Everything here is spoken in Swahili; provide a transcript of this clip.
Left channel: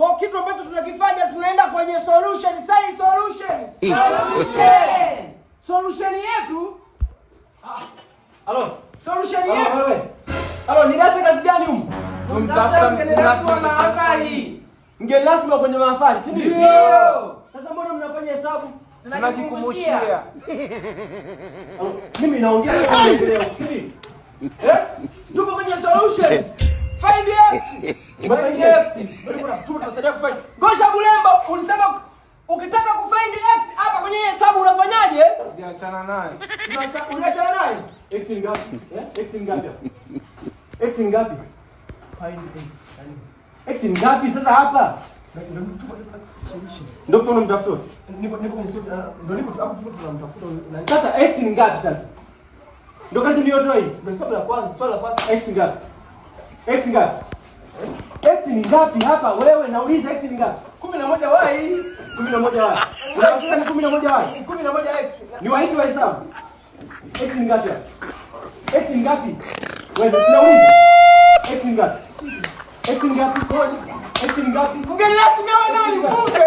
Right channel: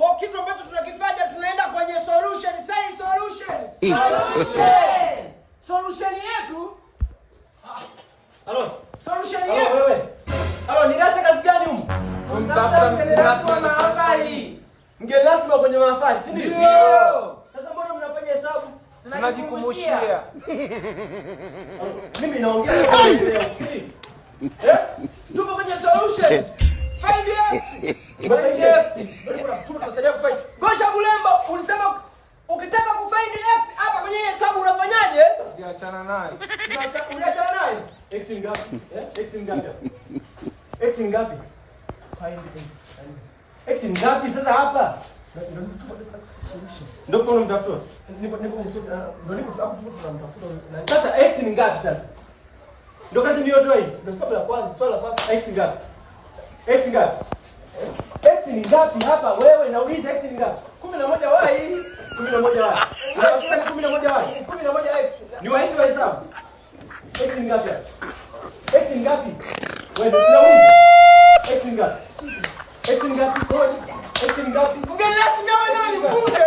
Kwa kitu ambacho tunakifanya tunaenda kwenye solution. Sai solution. Solution yetu. Halo. Solution yetu. Wewe. Halo, niache kazi gani huko? Tunatafuta mgeni rasmi na mahafali. Mgeni rasmi kwenye mahafali, si ndio? Ndio. Sasa mbona mnafanya hesabu? Tunajikumbushia. Mimi naongea hivi. Tupo kwenye solution. Find X. Tunasaidia kufind. Gosha Bulembo, ulisema ukitaka kufind X hapa kwenye hesabu unafanyaje? Unaachana naye. Unaachana naye. X ni ngapi? X ni ngapi? X ni ngapi? Find X. X ni ngapi sasa hapa? Solution. Ndio kuna mtafuta. Nipo kwenye solution. Ndio hapo tunamtafuta. Sasa X ni ngapi sasa? Ndio kazi niliyotoa hii. Ndio swali la kwanza, swali la kwanza. X ni ngapi? X ni ngapi? X ni ngapi hapa? Wewe nauliza X ni ngapi? 11 y. 11 y. Unataka ni 11 y. 11 x. Ni waiti wa hesabu. X ni ngapi hapa? X ni ngapi? Wewe unauliza. X ni ngapi? X ni ngapi? X ni ngapi? Mgeni rasmi wa nani? Mbunge.